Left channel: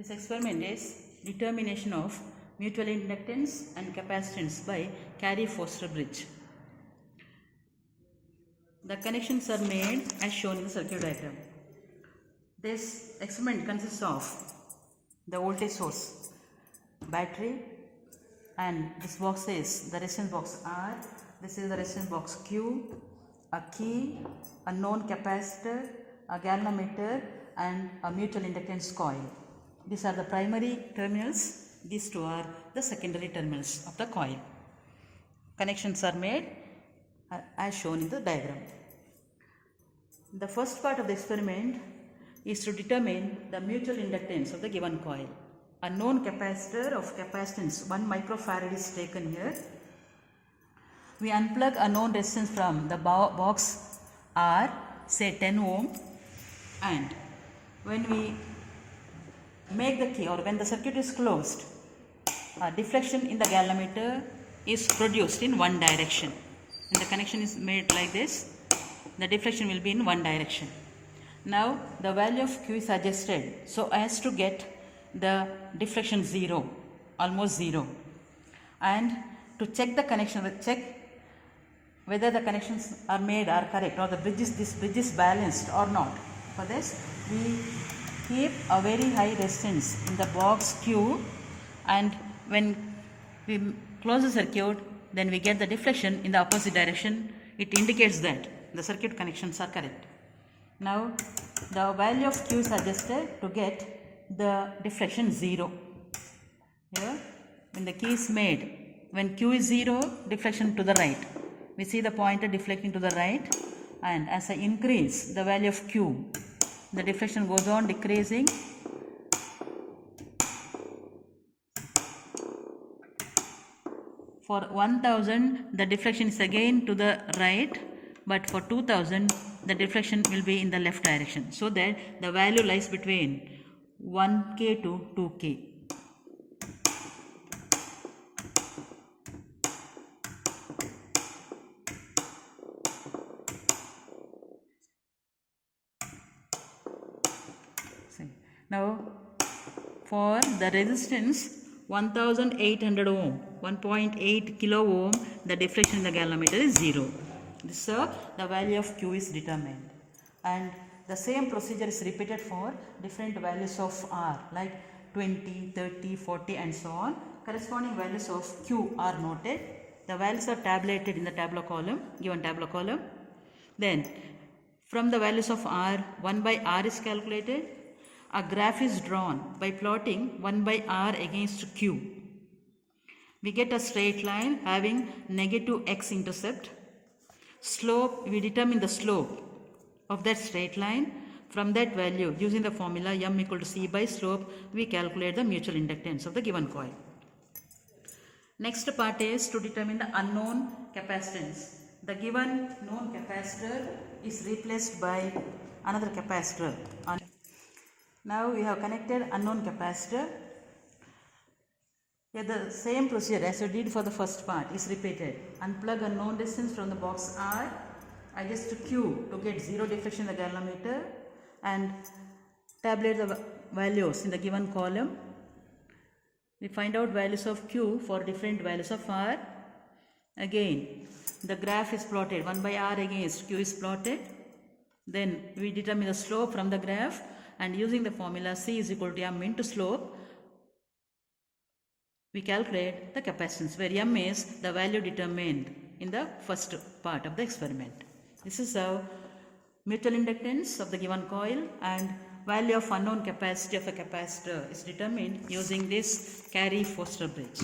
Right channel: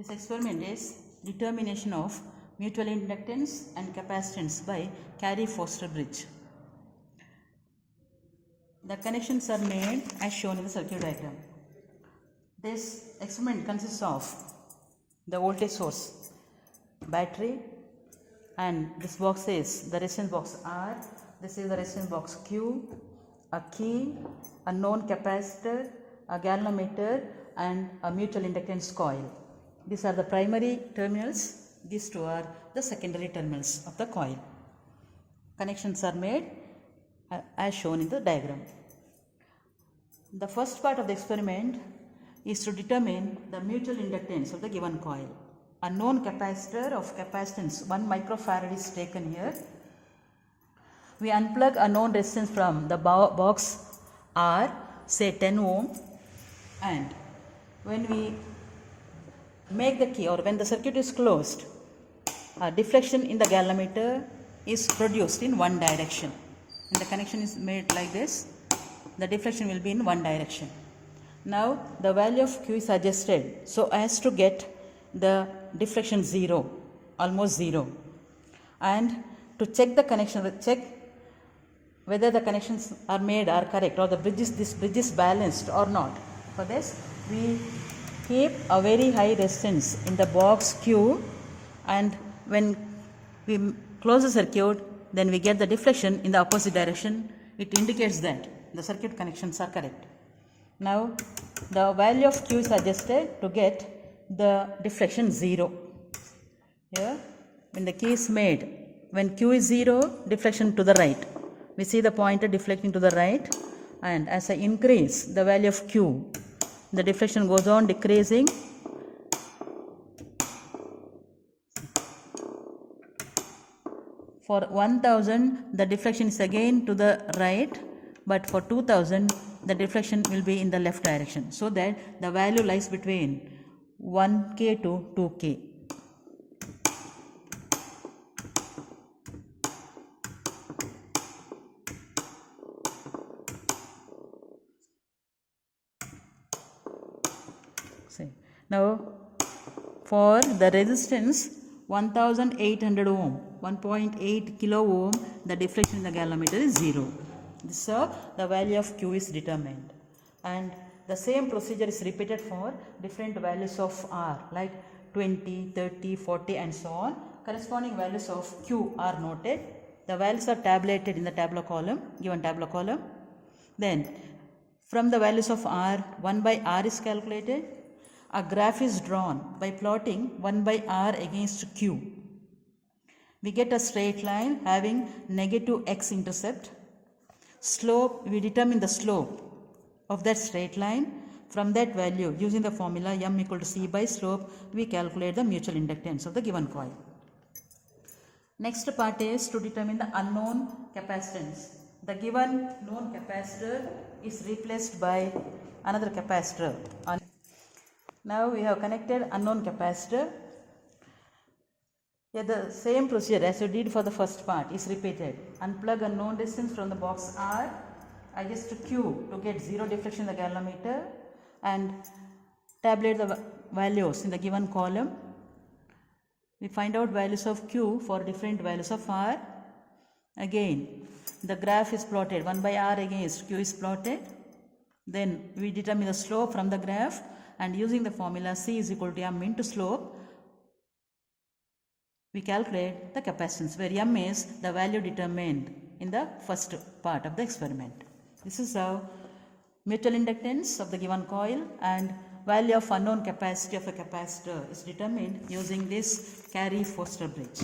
This experiment is determination of mutual inductance and capacitance by Carey-Foster bridge. The connections are made as shown in the circuit diagram. This experiment consists of the voltage source, battery, and this box is the resistance box R, this is the resistance box Q, a key, a known capacitor, a galvanometer, and a mutual inductance coil. These are the primary terminals, these two are the secondary terminals of the coil. Connections are made as shown in the diagram. The first part of the experiment is to determine the mutual inductance of the given coil. A known capacitor of capacitance 1 microfarad is taken here. We unplug a known resistance from the box R, say 10 ohm, and when we make the key or when the circuit is closed, a deflection in the galvanometer is produced in one direction. When the connection is made like this, the deflection will be in one direction. Now the value of Q is adjusted so as to get the deflection 0, almost 0. And to check the connection, check whether the connections are made are correct or this bridge is balanced or not. For this, we keep a very high resistance in the box Q, and when we close the circuit, then we get the deflection in the opposite direction. It indicates that the circuit connections are correct. Now the value of Q is adjusted to get the deflection 0. Here, when the key is made, when Q is 0, deflection to the right. We see the pointer deflecting to the right, and as I increase the value of Q, the deflection goes on decreasing. For 1000, the deflection is again to the right, but for 2000, the deflection will be in the left direction, so that the value lies between 1K to 2K. Now, for the resistance 1800 ohm, 1.8 kilo ohm, the deflection in the galvanometer is 0. So, the value of Q is determined. And the same procedure is repeated for different values of R, like 20, 30, 40 and so on. Corresponding values of Q are noted. The values are tabulated in the tabular column, given tabular column. Then, from the values of R, 1 by R is calculated. A graph is drawn by plotting 1 by R against Q. We get a straight line having negative x intercept. Slope, we determine the slope of that straight line. From that value, using the formula m equal to c by slope, we calculate the mutual inductance of the given coil. Next part is to determine the unknown capacitance. The given known capacitor is replaced by another capacitor. Now we have connected unknown capacitor. Here the same procedure as we did for the first part is repeated. Unplug a known resistance from the box R, adjust to Q to get 0 deflection in the galvanometer, and tabulate the values in the given column. We find out values of Q for different values of R. Again, the graph is plotted, 1 by R against Q is plotted. Then we determine the slope from the graph, and using the formula C is equal to m into slope, we calculate the capacitance, where m is the value determined in the first part of the experiment. This is how mutual inductance of the given coil and value of unknown capacity of a capacitor is determined using this Carey-Foster bridge.